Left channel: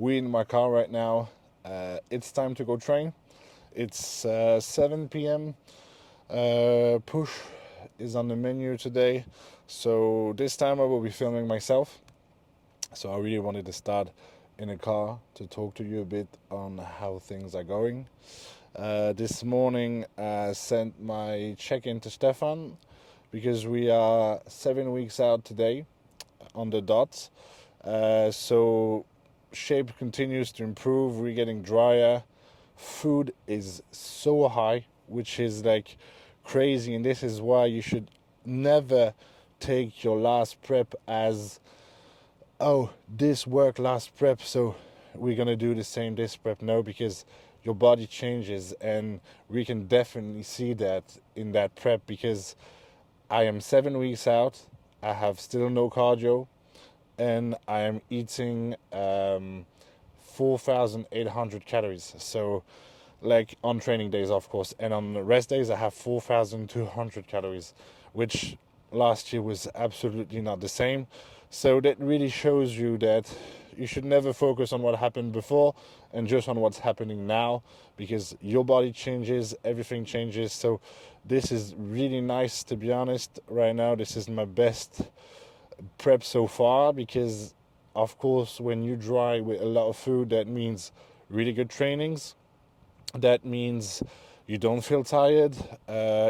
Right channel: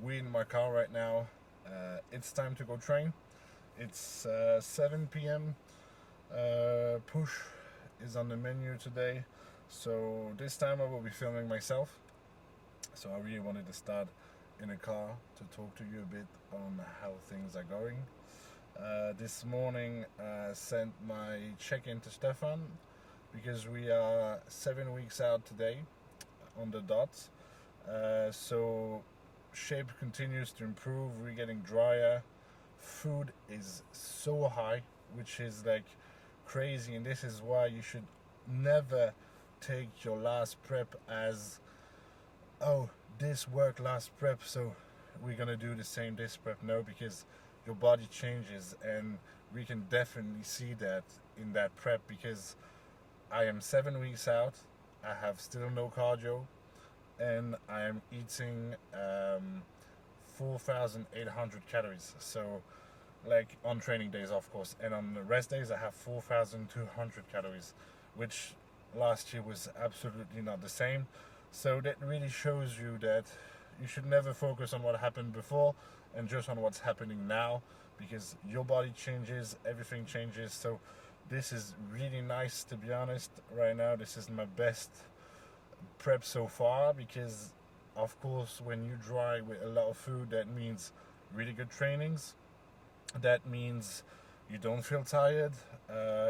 We in my car right now. It's time to go train. It's 7 p.m. Push is on the menu today. So this time I will be filming myself. So I really wanted to start in a car to talk to you a bit on how things are going. This morning I sent my check-in to Stefan because we are 7 weeks out today on the dot. So shape continues to improve. We're getting drier. Food is so high, which is like crazy, and this is why you should never take your last prep as, oh, this worked last prep, so we're gonna do the same this prep. No, because your body changes, and we can definitely see that in that prep because I am 7 weeks out. I have still no cardio, and I am eating 4,800 calories. So, like on training days, of course, and on rest days, I have 4,200 calories, which last year was absolutely not the same. So, that really shows you that you should never focus on what happened before and just on what's happening now because your body changes, everything changes. So, this is really nice to be honest. Right now, this is my best prep so far because of course when you dry with a lot of food that means really good trainings, that means you don't feel tired,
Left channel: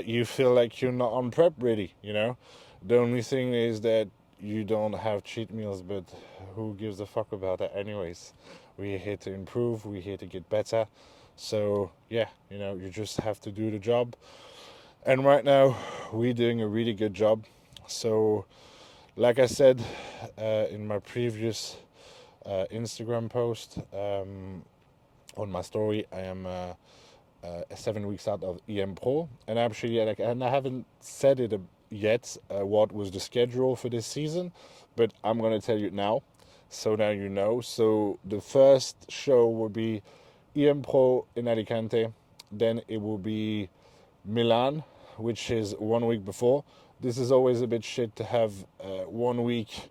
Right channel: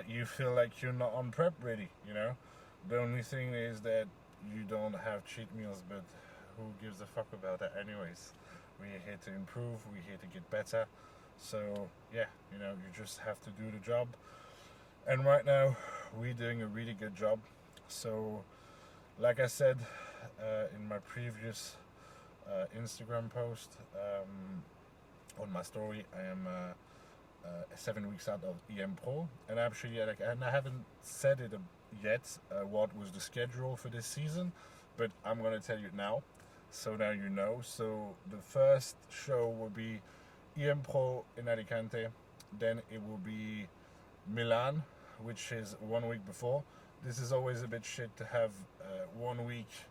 you feel like you're not on prep ready, the only thing is that you don't have cheat meals, but who gives a fuck about that anyways? We're here to improve, we're here to get better. So yeah, you just have to do the job, and right now we're doing a really good job. So like I said in my previous Instagram post, on my story, I am 7 weeks out of EM Pro, and actually, and I haven't said it yet what was the schedule for this season, but I'm gonna tell you now. So now you know. So the first show will be EM Pro in Alicante, then it will be Milan, which is 1 week before. This is always a bit shit to have 1 week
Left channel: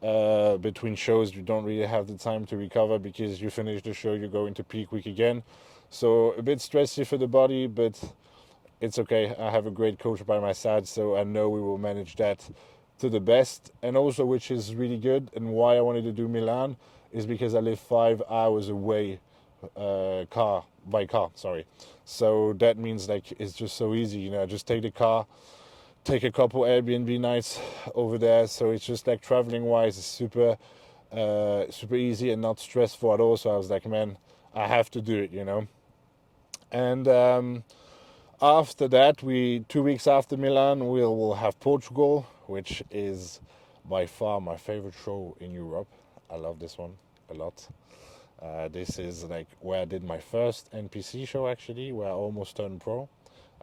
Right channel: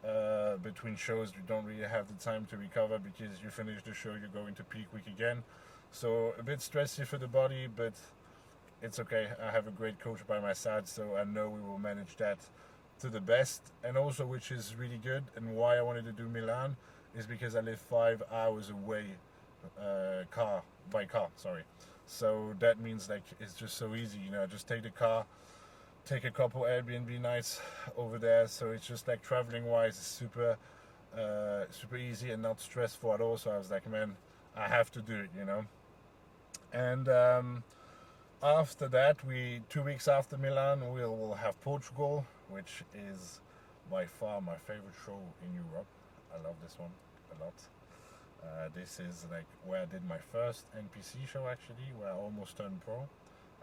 between shows. You don't really have the time to recover because you finish the show, you go into peak week again. So a bit stressy for the body, but it's okay. I have a great coach by my side, so I know we will manage that to the best. And also, which is really good, and why I wanted to do Milan is because I live 5 hours away, car by car. Sorry. So that means like it's just so easy, Just take the car, take a couple Airbnb nights over there. So it's just like traveling wise, it's super easy and not stressful at all. So I was like, man, I have to do it. And after that, 2 weeks after Milan, we'll have Portugal, which is by far my favorite show in Europe. I love this one a lot. This is like where I did my first NPC show actually, where I almost turned pro.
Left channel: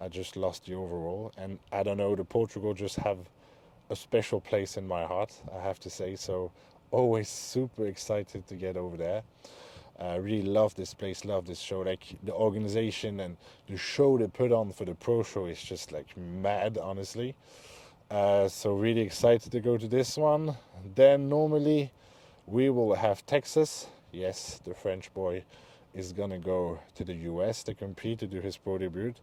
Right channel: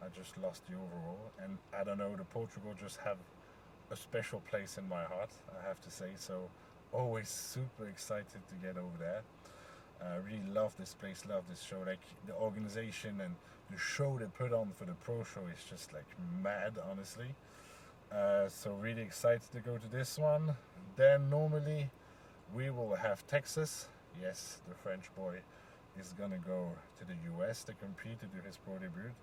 I just lost the overall, and I don't know. The Portugal just have a special place in my heart, I have to say. So always super excited to get over there. I really love this place, love this show. Like the organization and the show they put on for the pro show is just like mad, honestly. So really excited to go to this one. Then normally we will have Texas. Yes, the French boy is gonna go to the US to compete to do his pro debut,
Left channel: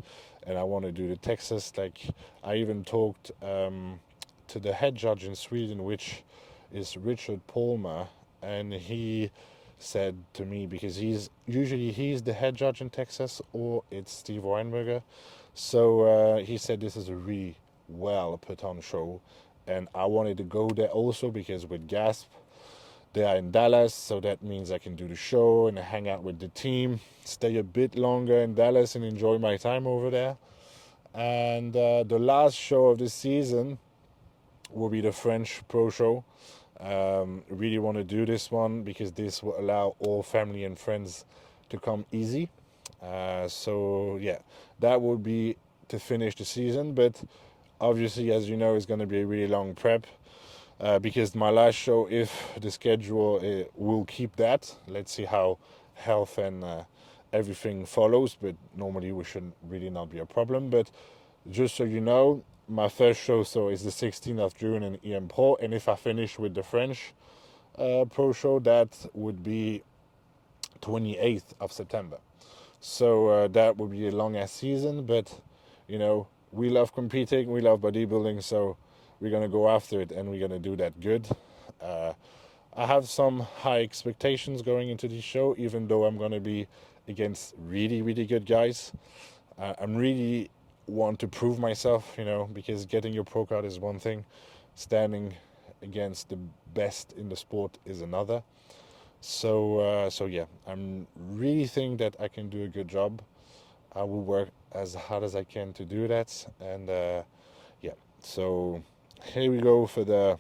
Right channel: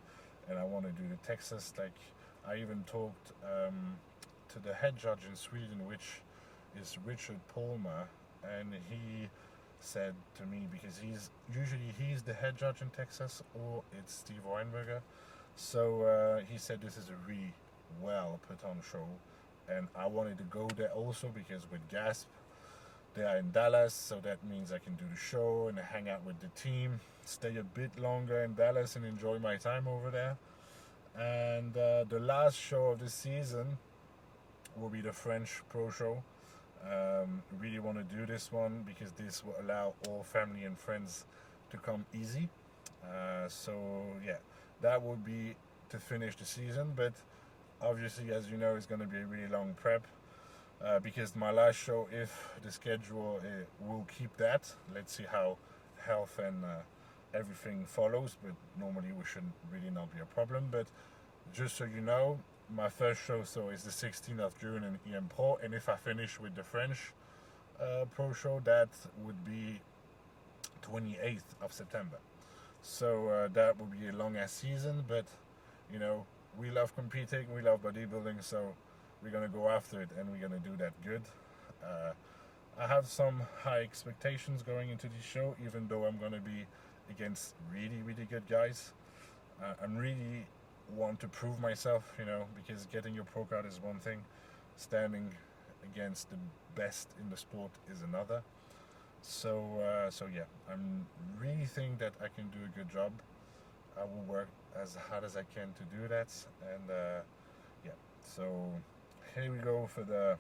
and I want to do the Texas. Like I even talked to the head judge in Sweden, which is Richard Palmer, and he said to me, because he's the head judge in Texas, or it's Steve Weinberger. So he said this is a really well put on show, and I wanted to go there also because with Gasp they are in Dallas, so that means I can do the show and hang out with the team, stay a bit longer in Dallas and enjoy my time over there. And the last show of the season will be the French Pro Show. Really want to do this one because this will allow all family and friends to come easy. So yeah, that would be to finish the season. But obviously, as you know, it's going to be a really long prep. Because my last show, if the schedule will keep that, let's see how health and everything follows. But normally, we should really not be a problem. But just so you know, my first show so is the 16th of June in EM Pro, and if I finish with the French Pro show, that would be 28th of September. So that will be a long ass season, but you know, we love competing, we love bodybuilding, so we're gonna go after it and we're gonna do that good. Uh, I have some high expectations going into this show, even though I'm gonna be against really, really good guys. I'm really want to prove myself, you know, because getting your pro card is one thing, standing against the best in the sport is another. So yeah, I'm really think that I can do a good job. I will work as hard as I can to do that, and yeah. So here we go for the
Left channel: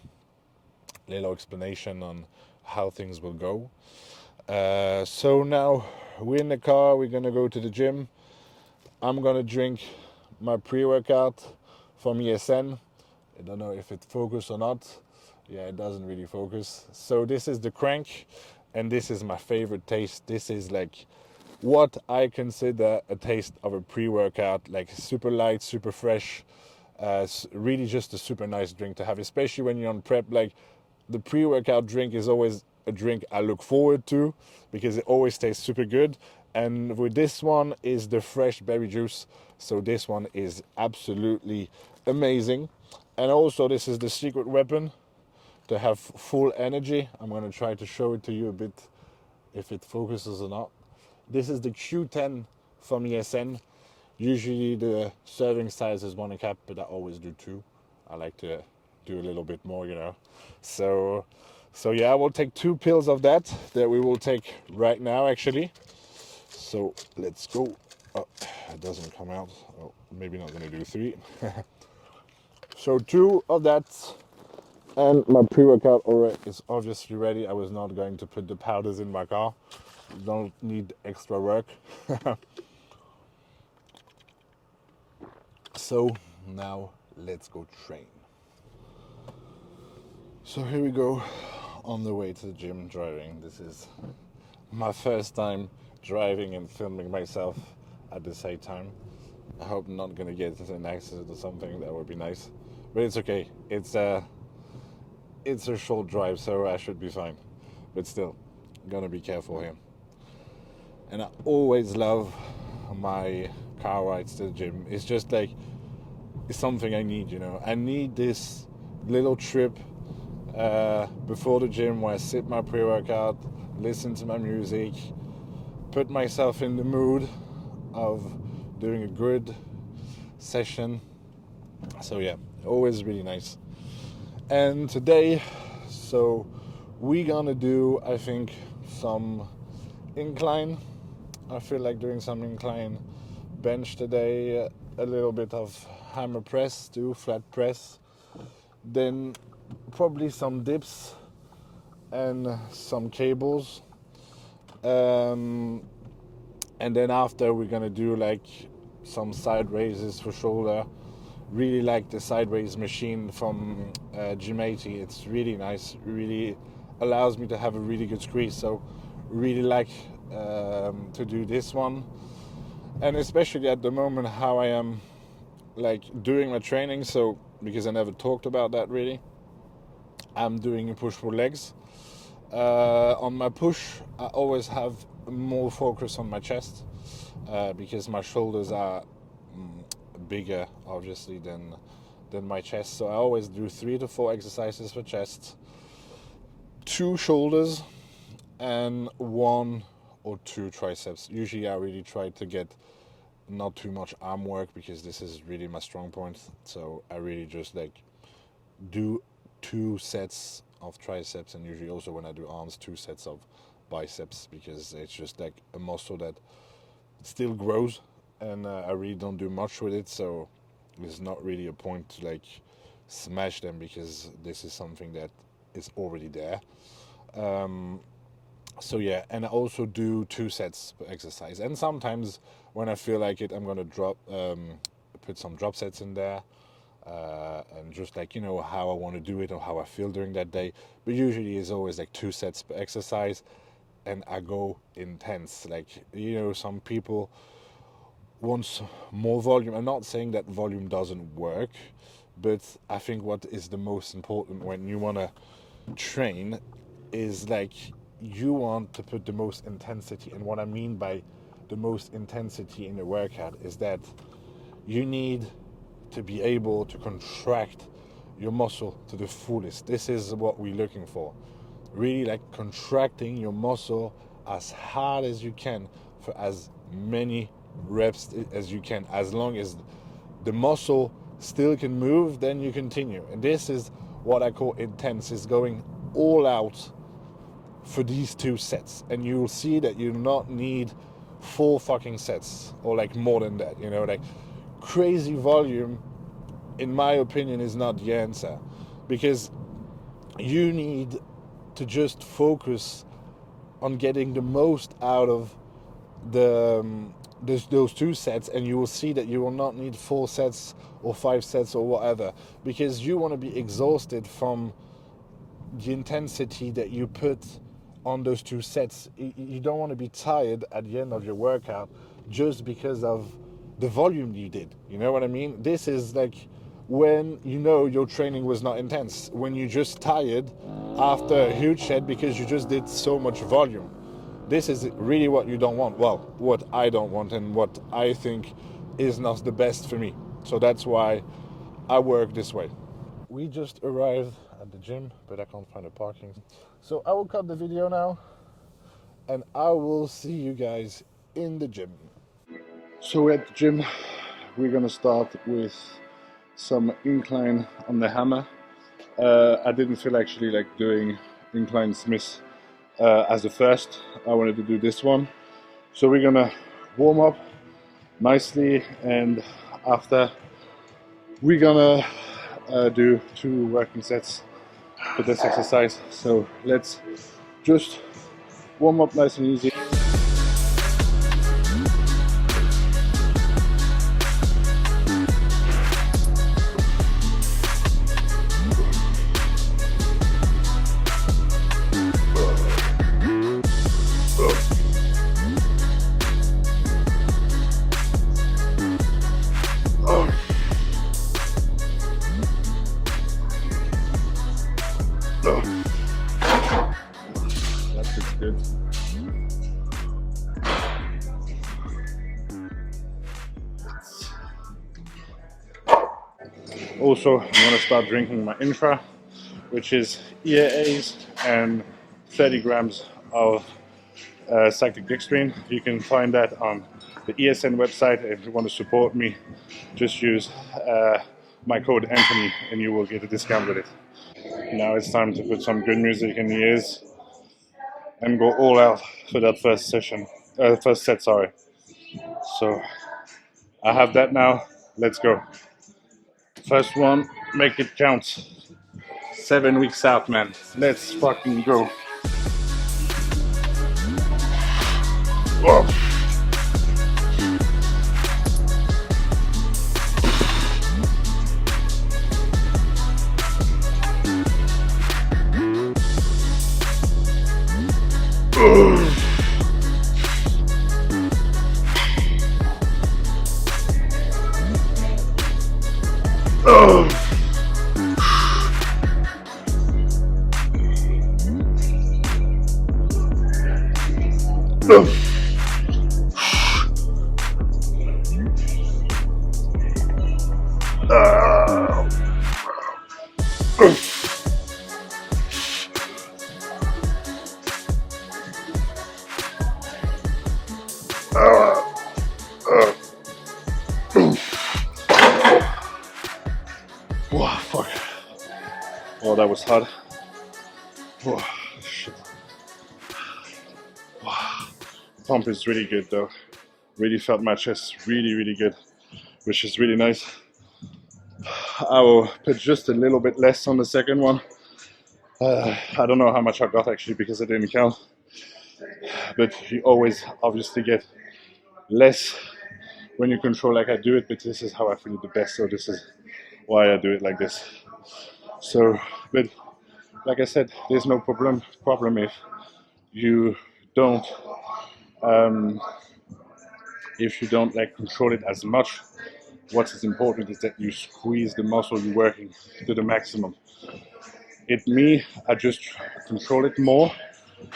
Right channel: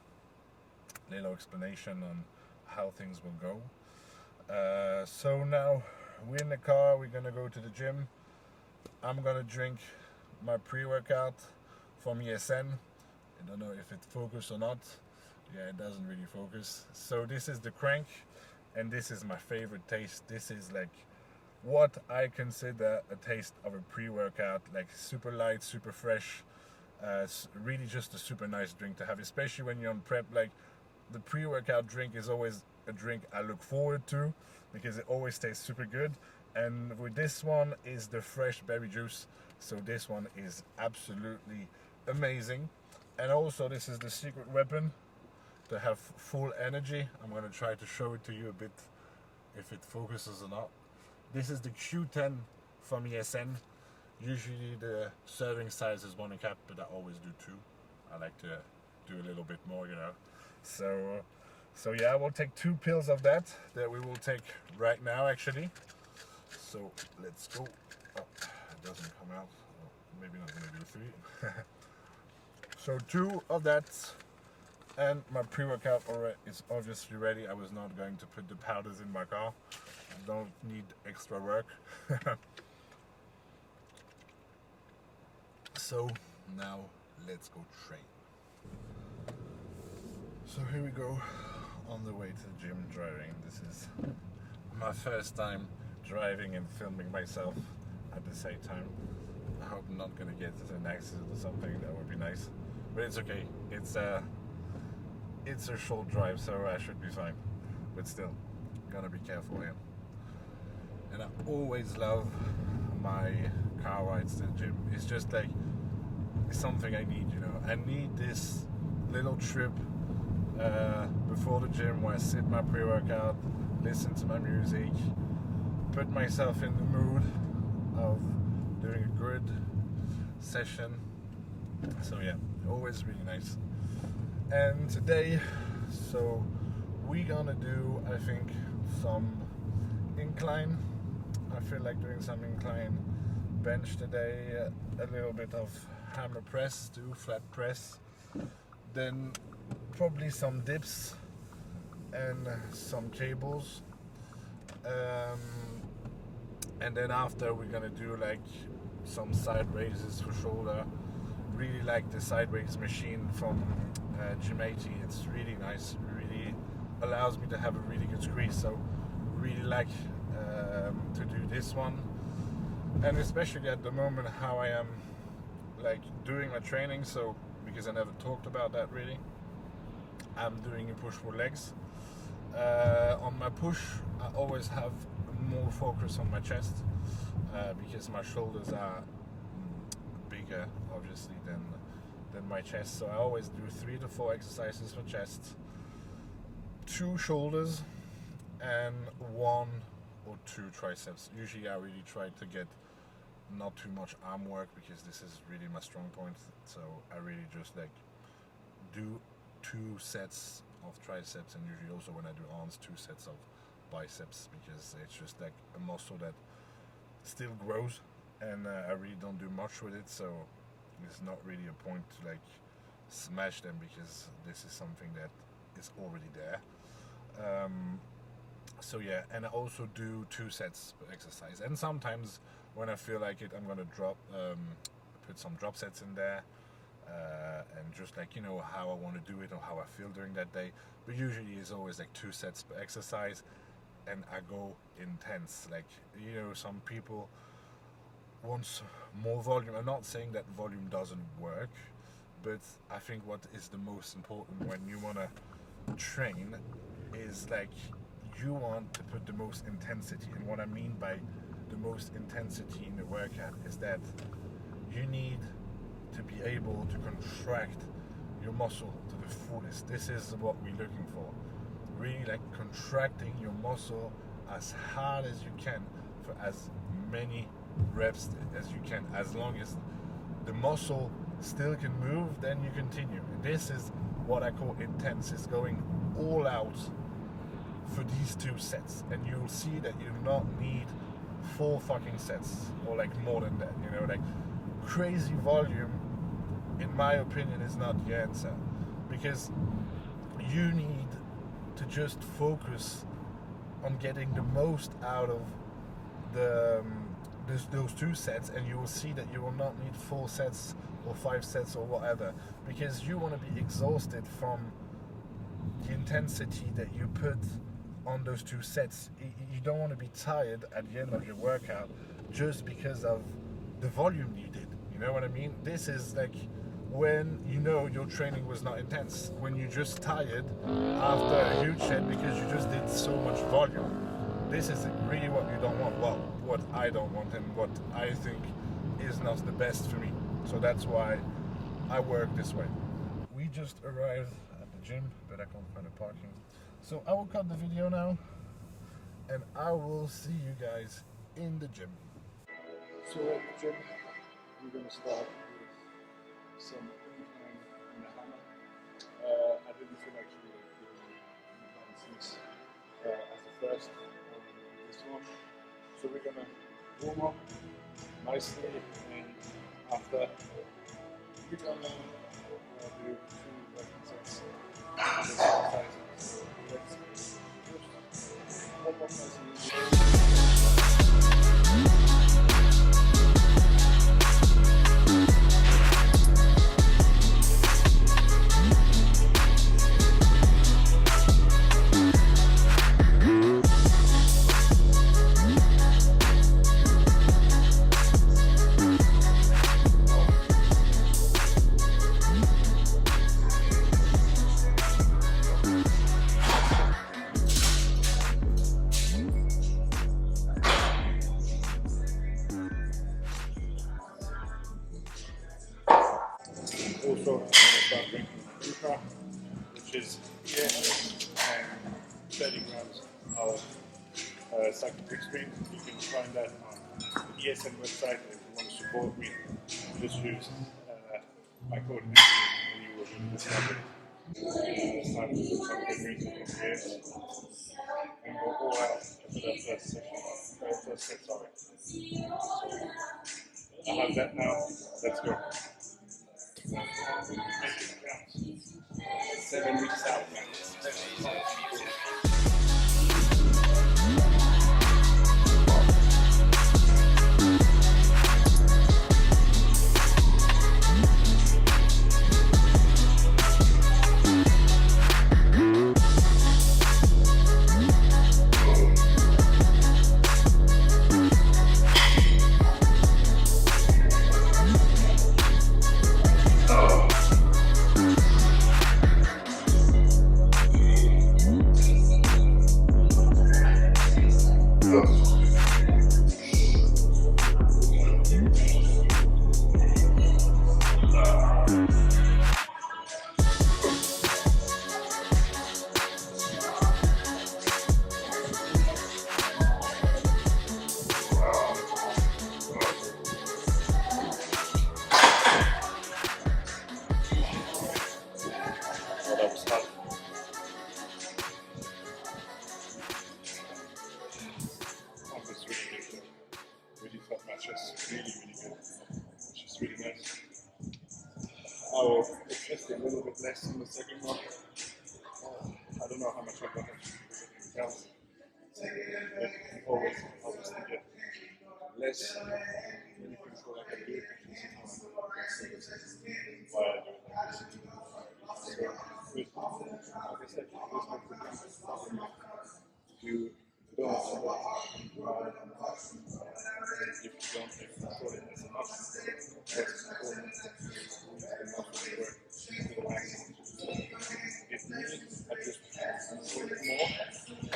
little explanation on how things will go. So now we're in the car. We're gonna go to the gym. I'm gonna drink my pre-workout from ESN. I don't know if it focus or not. Yeah, it doesn't really focus. So this is the crank, and this is my favorite taste. This is like what I consider a taste of a pre-workout, like super light, super fresh. Really just a super nice drink to have, especially when you're on prep. Like the pre-workout drink is always a drink I look forward to because it always tastes super good. And with this one is the fresh berry juice. So this one is absolutely amazing. And also this is the secret weapon to have full energy. I'm going to try to show it to you a bit if it focuses or not. This is the Q10 from ESN. Usually the serving size is 1 cap, but I always do 2. I like to do a little bit more, you know. So yeah, I will take 2 pills of that we will take right now actually. So let's go. Oh, it doesn't come out. Oh, maybe not gonna do 3. So 2 of that, and my pre-workout already is obviously ready. I was not going to put the powders in my car. Don't need extra work. So now let's go train. So here we go on the way to the gym driving. This is my first time driving and filming myself at the same time. I hope I'm not gonna get into an accident or something. That would be nice, but it's okay. It's a short drive, so I should be fine. But still, gonna be careful here. And I always love my car rides to the gym. It's just like it's something I need, you know. I need this little trip before the gym where I sit my pre-workout, listen to my music, put myself in the mood of doing a good session. So yeah, always really nice. And today, so we're gonna do, I think, some incline. I feel like doing some incline bench today, a little bit of hammer press too, flat press, then probably some dips and some cables, and then after we're gonna do like some side raises for shoulder. Really like the side raise machine from G80. It's really nice, really allows me to have a really good squeeze, so really like to do this one. And especially at the moment how I am like doing my training, so because I never talked about that really, I'm doing push pull legs. On my push I always have more focus on my chest because my shoulders are bigger obviously than my chest, so I always do 3 to 4 exercises for chest, 2 shoulders, and 1 or 2 triceps. Usually I really try to get not too much arm work because this is really my strong point, so I really just like do 2 sets of triceps, and usually also when I do arms 2 sets of biceps, because it's just like a muscle that still grows, and I really don't do much with it, so there's not really a point to like smash them because this is something that is already there. So yeah, and I also do 2 sets per exercise, and sometimes when I feel like it I'm gonna put some drop sets in there, and just like, you know, how I want to do it or how I feel during that day. But usually it's always like 2 sets per exercise, and I go intense. Like, you know, some people want more volume. I'm not saying that volume doesn't work, but I think what is the most important when you want to train is like you want to put the most intensity. And what I mean by the most intensity in a workout is that you need to be able to contract your muscle to the fullest. This is what we're looking for. Really, like contracting your muscle as hard as you can for as many reps as you can. As long as the muscle still can move, then you continue. And this is what I call intense, is going all out for these 2 sets. And you'll see that you not need 4 fucking sets or like more than that, you know, like crazy volume, in my opinion, is not the answer, because you need to just focus on getting the most out of the those 2 sets, and you will see that you will not need 4 sets or 5 sets or whatever, because you want to be exhausted from the intensity that you put on those 2 sets. You don't want to be tired at the end of your workout just because of the volume you did. You know what I mean? This is like when you know your training was not intense, when you're just tired after a huge set because you just did so much volume. This is really what you don't want. Well, what I don't want, and what I think is not the best for me. So that's why I work this way. We just arrived at the gym, but I can't find a parking. So I will cut the video now, and I will see you guys in the gym. So at the gym, we're gonna start with some incline on the hammer. I didn't feel actually like doing incline Smith as the first. I wanted to do this one. So we're gonna warm up nicely, and after we're gonna do 2 working sets for this exercise. So let's just warm up nice and easy. Also, I'm going to start drinking my intra, which is EAAs and 30 grams of cyclic dextrine. You can find that on the ESN website. If you want to support me, just use my code Anthony and you will get a discount with it. Now it's time to put some good music in the ears and go all out for that first session, first set, sorry. So I have that now, let's go. First one, make it count. 7 weeks out, man. Let's fucking go. Whoa. Oh, that was hard. Oh, shit. Pump is really good though. Really felt my chest really good, which is really nice. I will put just a little bit less on the second one. I don't know how much I got actually because I didn't count. But you always obviously get less when you control like I do it, but this is how I feel the best, so this is why I do it like this. So, but like I said, there's no problem if you don't like control it as much. What is important is that you squeeze the muscle you're working to the maximum. I just control it more,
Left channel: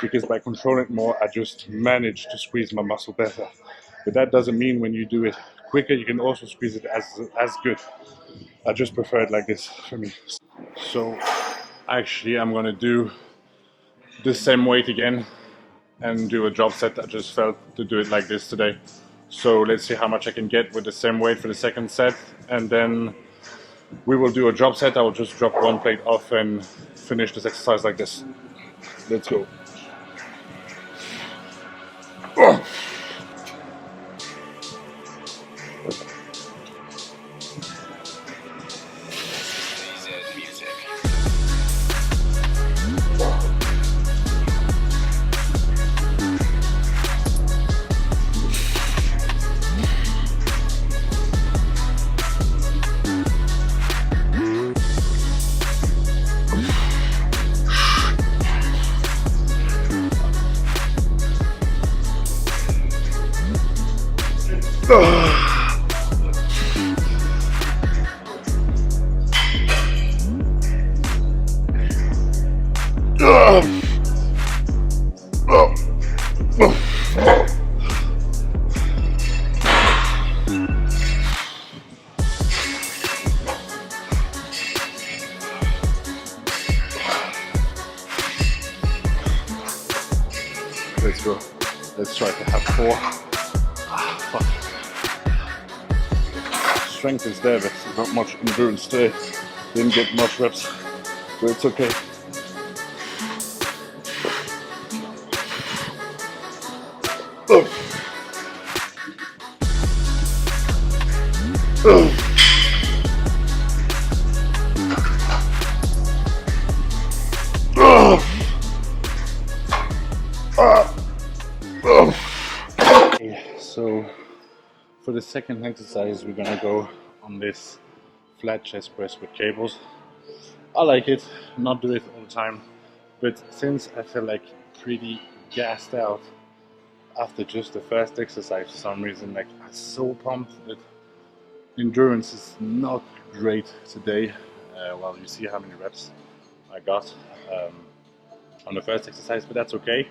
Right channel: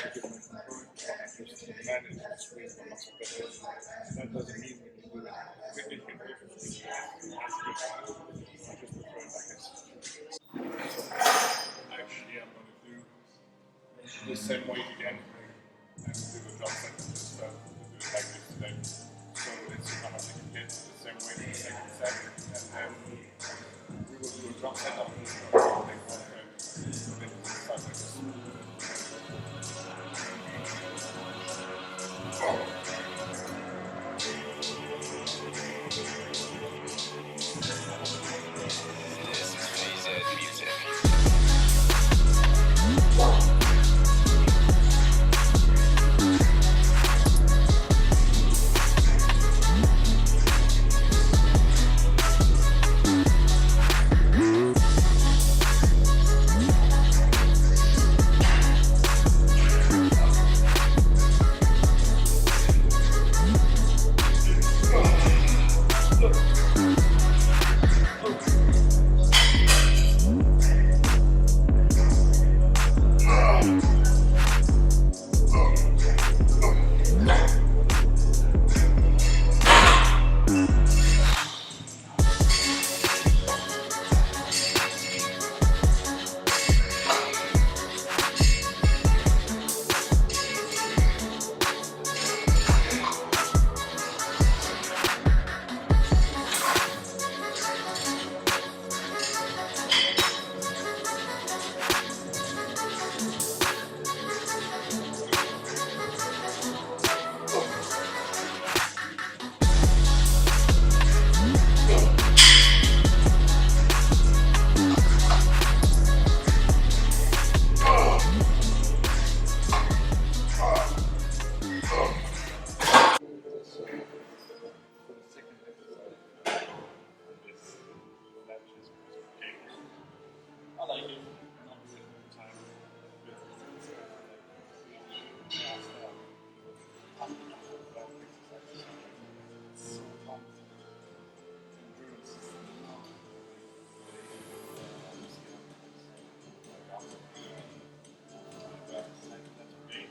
because by controlling it more, I just manage to squeeze my muscle better. But that doesn't mean when you do it quicker, you can also squeeze it as good. I just prefer it like this for me. So actually, I'm gonna do the same weight again and do a drop set. I just felt to do it like this today. So let's see how much I can get with the same weight for the second set, and then we will do a drop set. I will just drop one plate off and finish this exercise like this. Let's go. Oh. Let's go. Let's try to have 4. Strength is there, but not much endurance today. Didn't get much reps, but it's okay. Oh. Oh. Oh. Oh. Okay, so for the second exercise, we're gonna go on this flat chest press with cables. I like it, not do it all the time, but since I feel like pretty gassed out after just the first exercise for some reason, like I'm so pumped that endurance is not great today. Well, you see how many reps I got on the first exercise, but that's okay.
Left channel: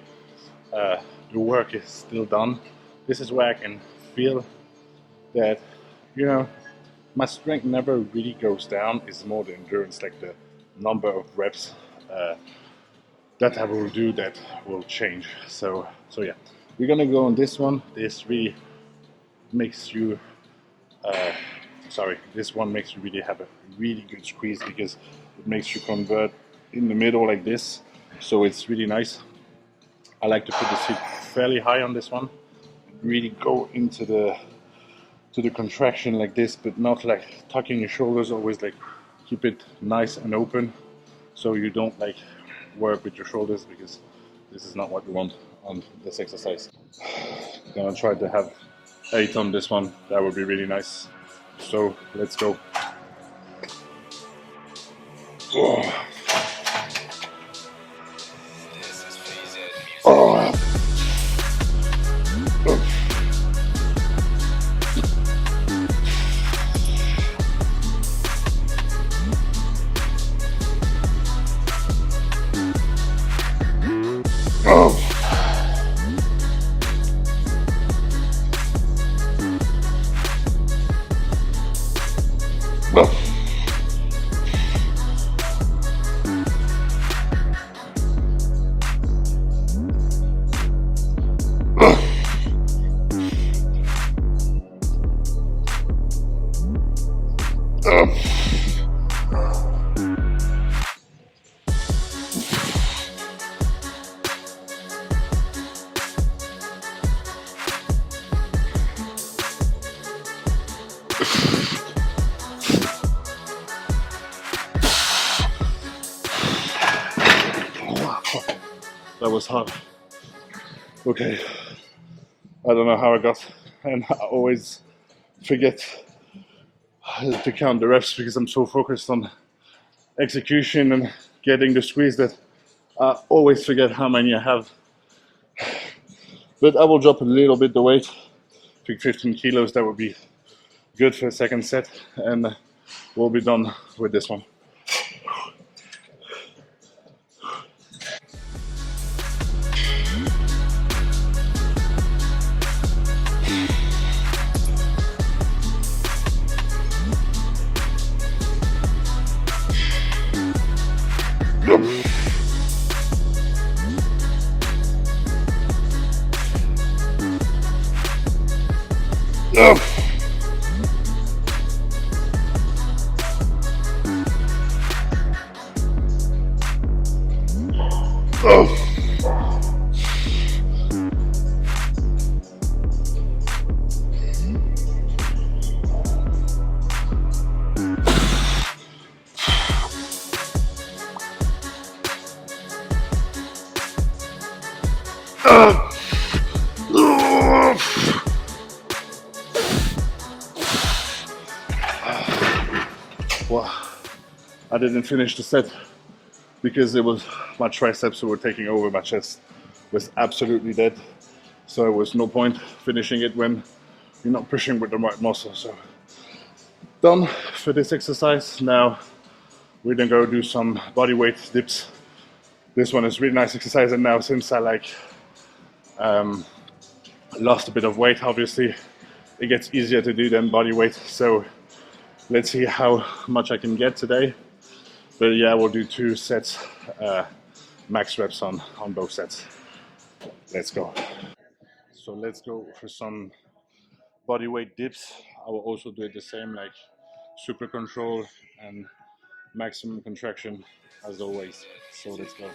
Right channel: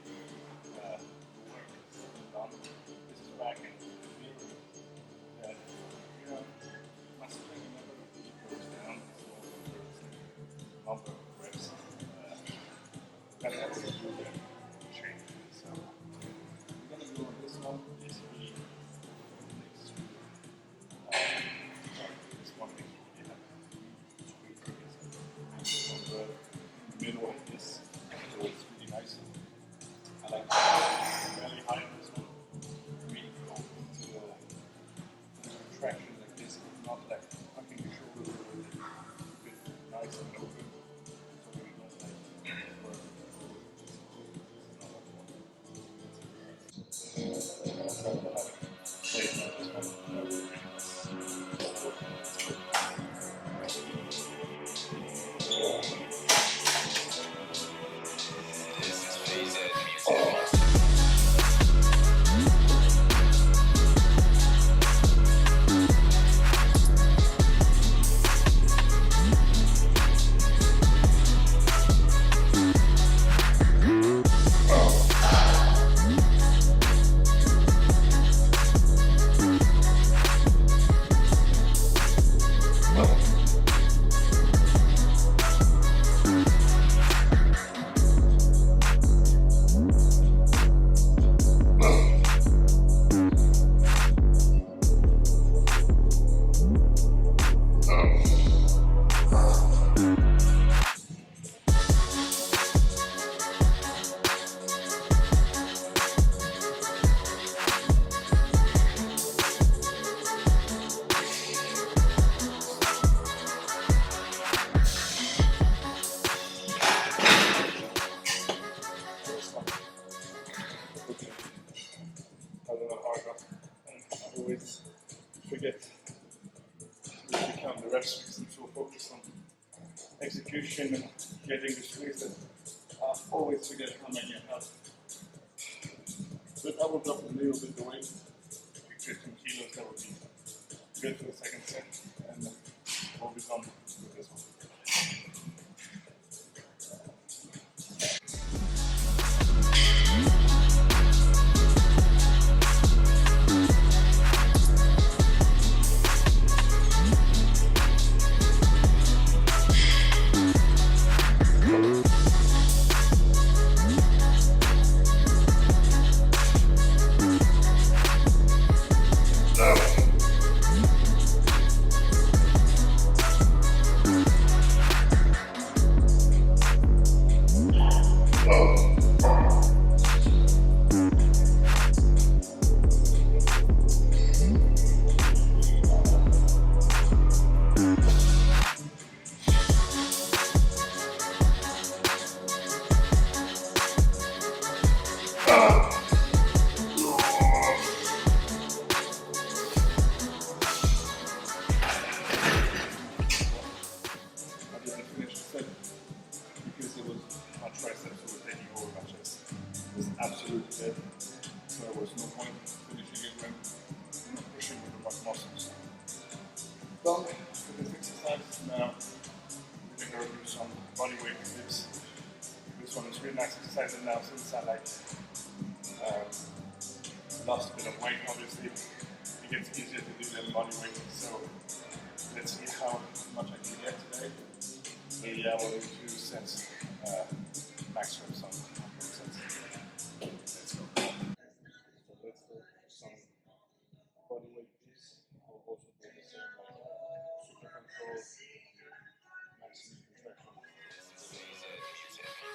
The work is still done. This is where I can feel that, you know, my strength never really goes down. It's more the endurance, like the number of reps that I will do that will change. So yeah, we're gonna go on this one. This really makes you, this one makes you really have a really good squeeze because it makes you convert in the middle like this. So it's really nice. I like to put the seat fairly high on this one. Really go into the contraction like this, but not like tucking your shoulders. Always like keep it nice and open, so you don't like work with your shoulders, because this is not what you want on this exercise. I'm gonna try to have 8 on this one. That would be really nice. So let's go. Oh. Oh. That was hard. Okay, I don't know how I got, and I always forget to count the reps because I'm so focused on execution and getting the squeeze that I always forget how many I have. But I will drop a little bit the weight, pick 15 kilos, that would be good for a second set, and we'll be done with this one. Well, I didn't finish the set because it was my triceps who were taking over. My chest was absolutely dead, so there was no point finishing it when you're not pushing with the right muscle. So done for this exercise. Now we're gonna go do some body weight dips. This one is really nice exercise, and now since I lost a bit of weight, obviously it gets easier to do than body weight. So let's see how much I can get today. But yeah, we'll do 2 sets, max reps on both sets. Let's go. So let's go for some body weight dips. I will also do it the same, like super control and maximum contraction as always. So let's go.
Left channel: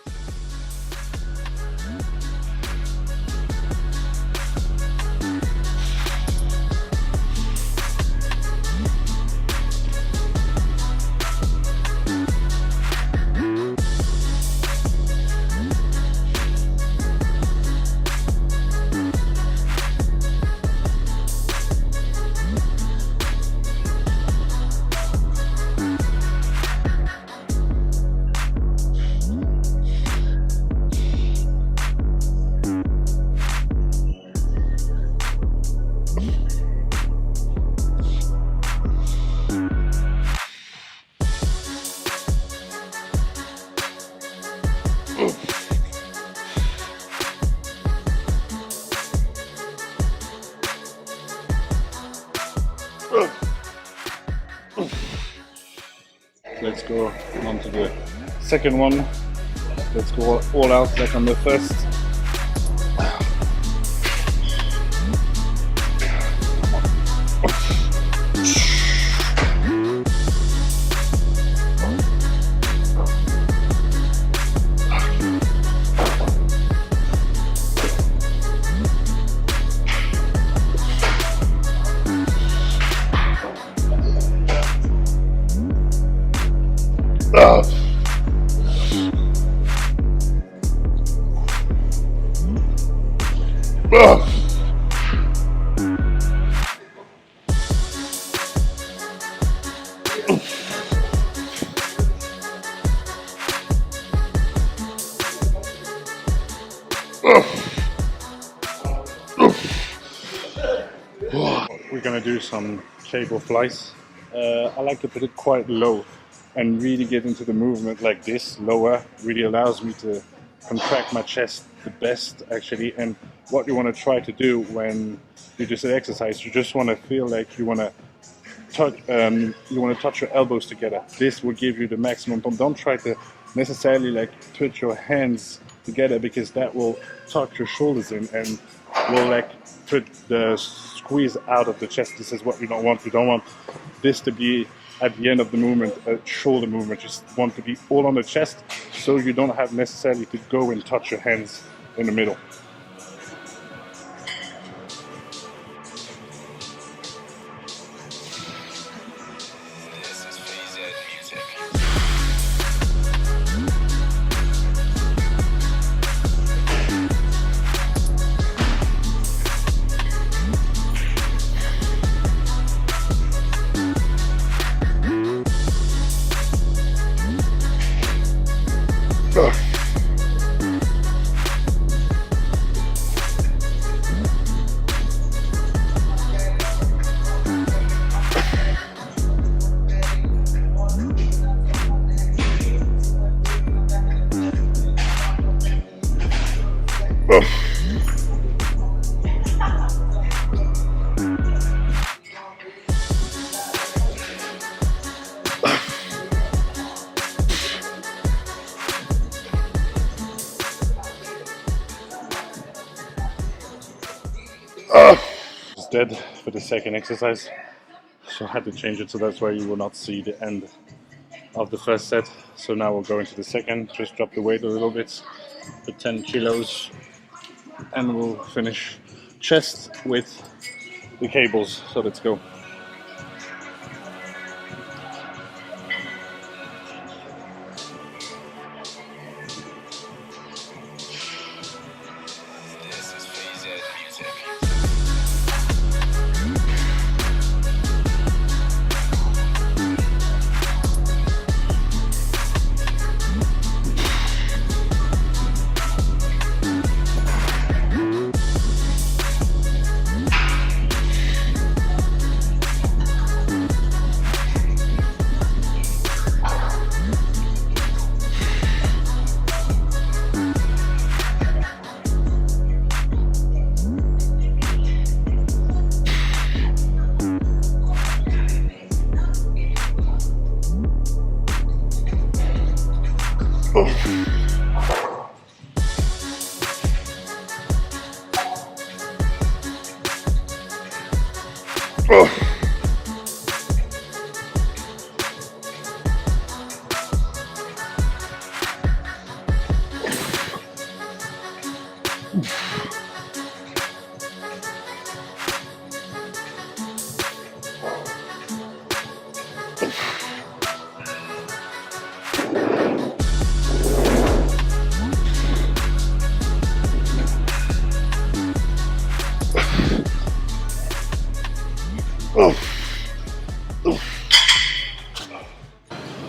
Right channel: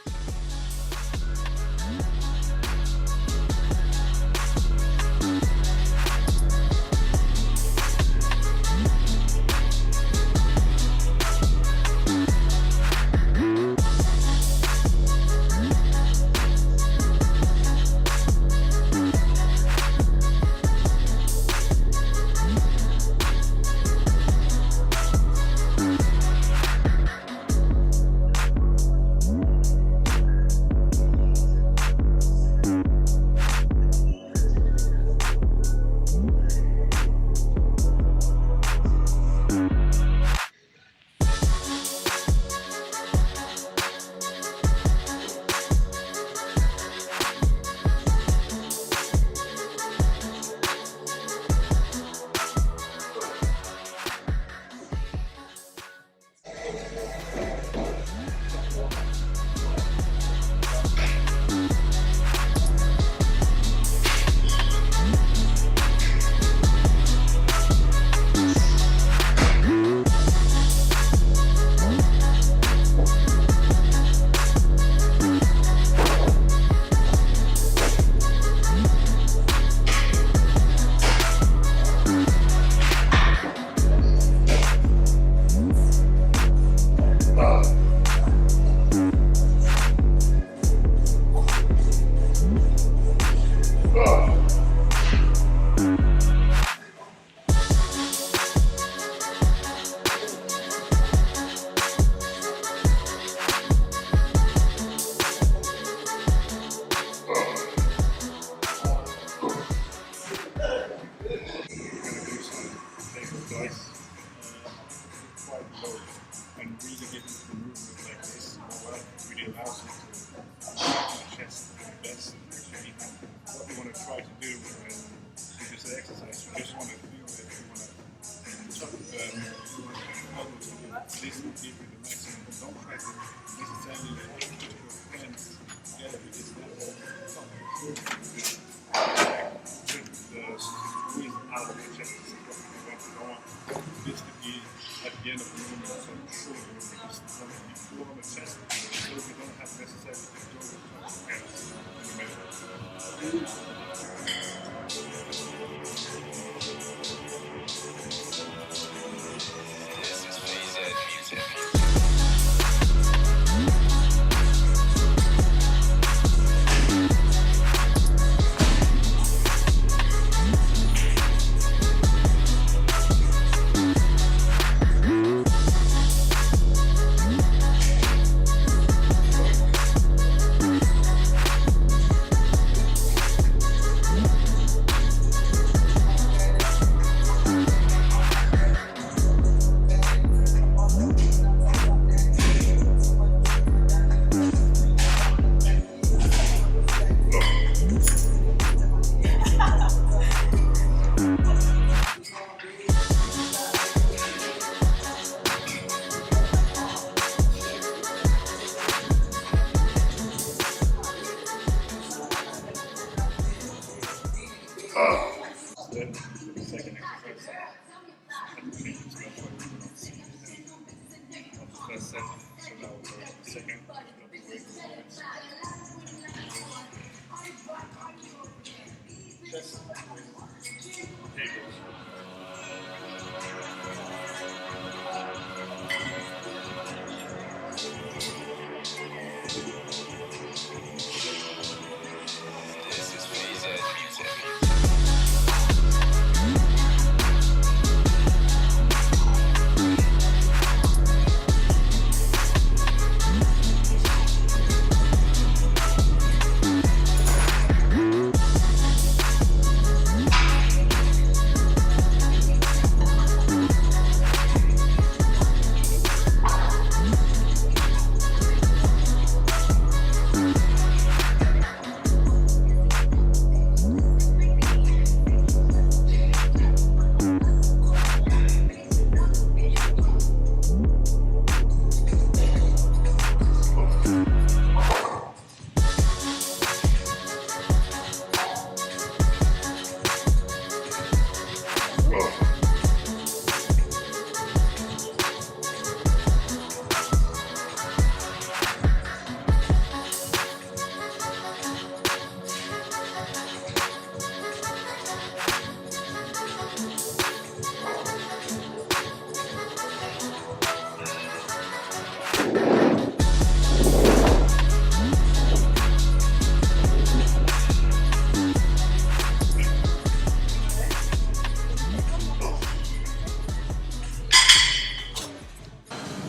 Let's go on to the second one. Let's go all out like on the first. We're gonna do some cable flies. I like to put it quite low and really get into the movement like this. Lower really allows me to contract my chest the best actually. And what you want to try to do when you do an exercise, you just want to feel like you want to touch your elbows together. This will give you the maximum pump. Don't try to necessarily like put your hands together, because that will tuck your shoulders in and will like put the squeeze out of the chest. This is what we don't want. We don't want this to be at the end of the movement, a shoulder movement. Just want to be all on the chest, so you don't have necessarily to go and touch your hands in the middle. dead for the second exercise, so I had to change it, so that's why you will not see the end of the first set. So now we'll go into the second, just drop the weight a little bit for 10 kilos, and we'll finish chest with the cables. So let's go.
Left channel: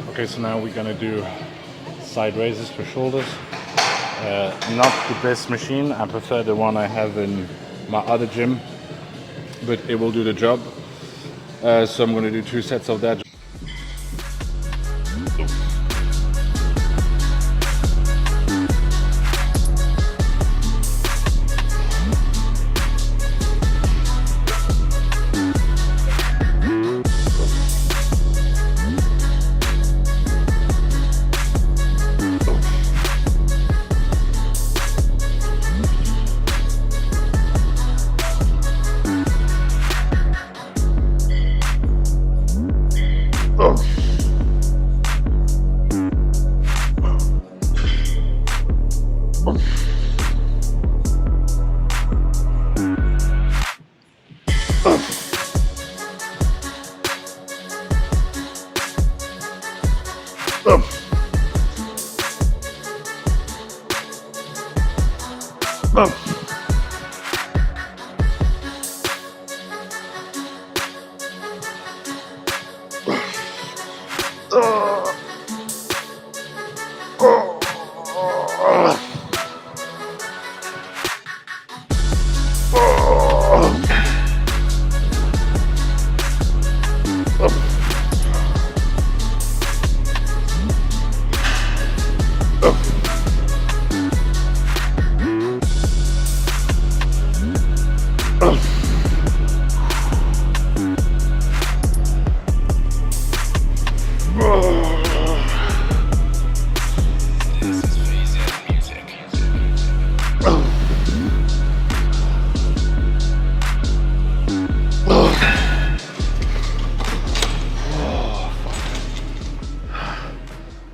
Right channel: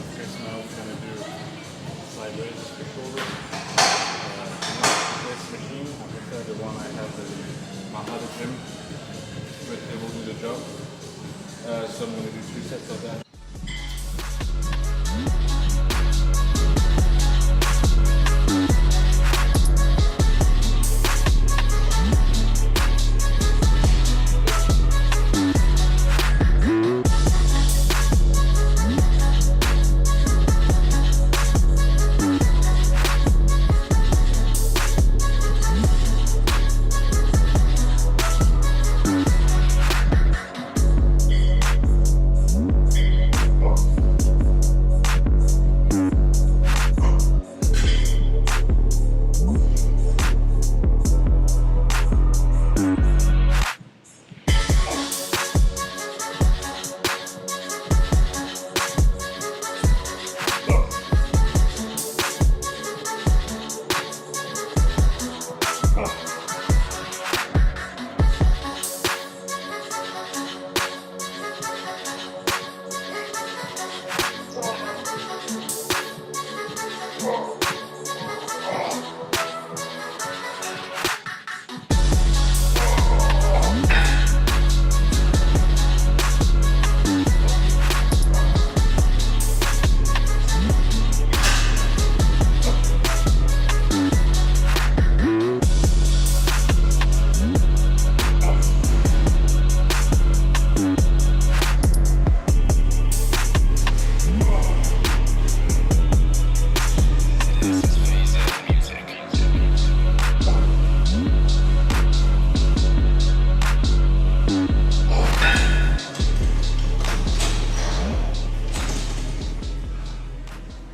Okay, so now we're gonna do side raises for shoulders. Not the best machine, I prefer the one I have in my other gym, but it will do the job. So I'm gonna do 2 sets of that.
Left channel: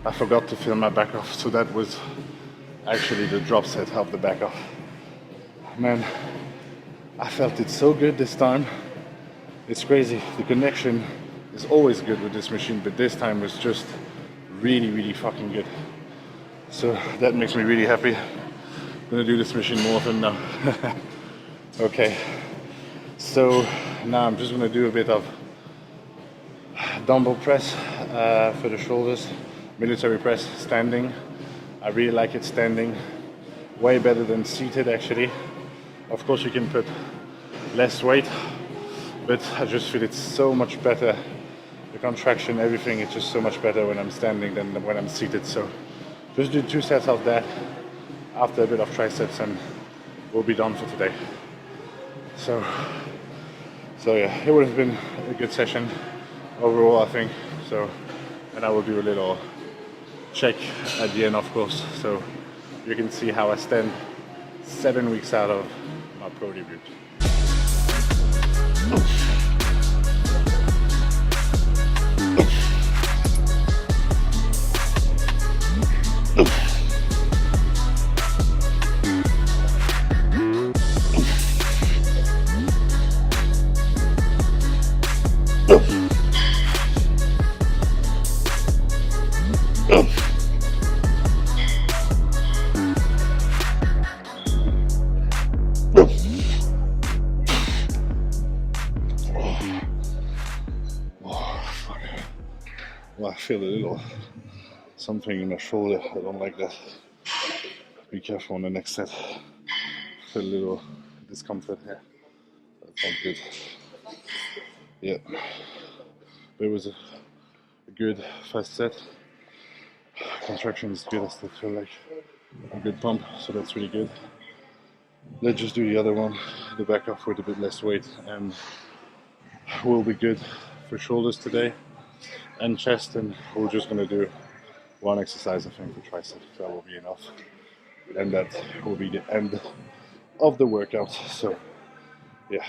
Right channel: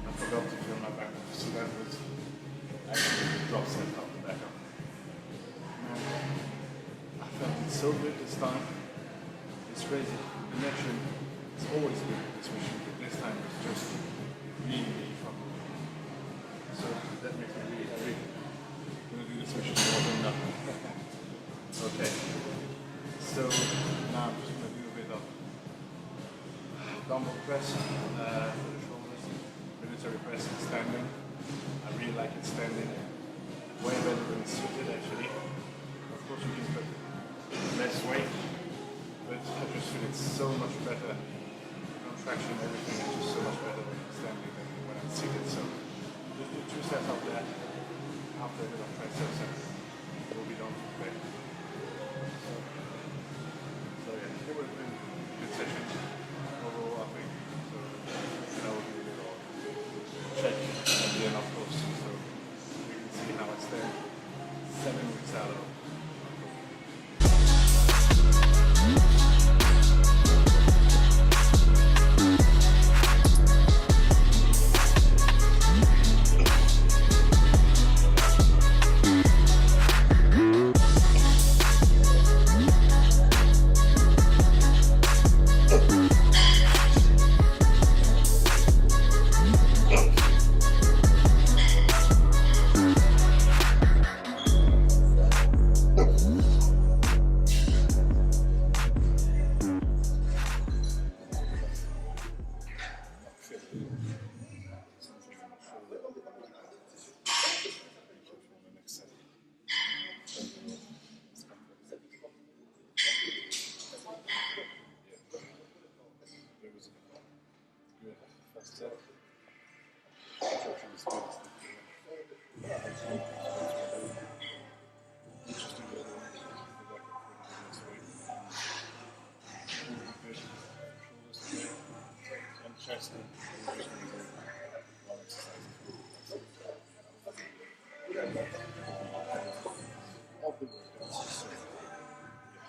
I forgot to film my back off, so that was actually the drop set of the back off. Man, I felt it so good this time. It's crazy. The connection is always good with this machine, but this time was just really, really fucking good. So that makes me really happy. I'm gonna do this machine more often now. Okay, so now I'm just gonna do a bit of dumbbell press for the shoulders, military press standing. I really like it standing, way better than seated actually. Of course you can put less weight, but I just feel it's so much better. The contraction, everything is just so much better when I'm standing than when I'm seated. So just do 2 sets of that after a bit of triceps and we'll be done for today. So yeah, it would have been a good session overall, I think. So, and I will do a little check at the end, of course, so you can see how I stand 7 weeks out of my pro debut. Well, I feel a little something in my shoulder. I don't like that. Be careful on the next set. Feel a little discomfort here. That's not good. Yeah. It was a good first set. Contraction is good. I still feel like a good pump, so that's really good. Let's just do the other one, the back off with a bit less weight, and we'll be good for shoulders today and chest, and we're just gonna do one exercise, I think, for tricep. That will be enough, and that will be the end of the workout. So, yeah.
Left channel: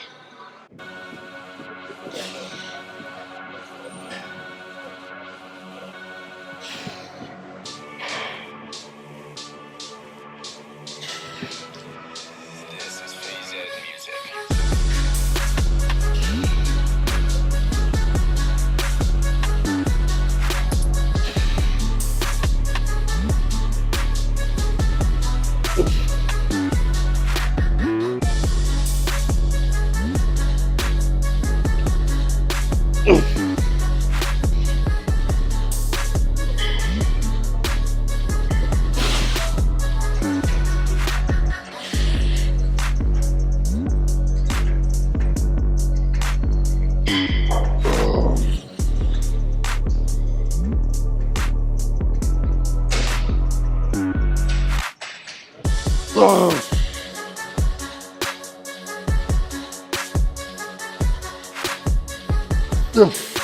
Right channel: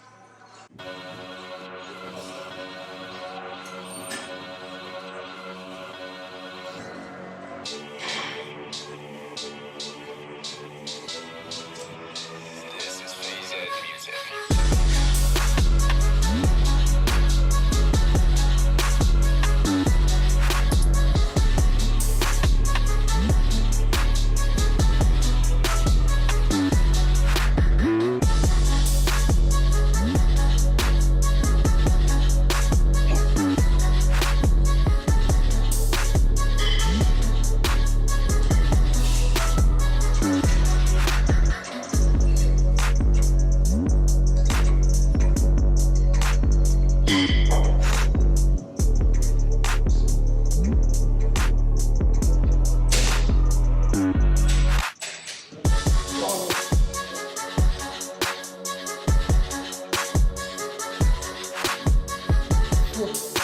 Oh.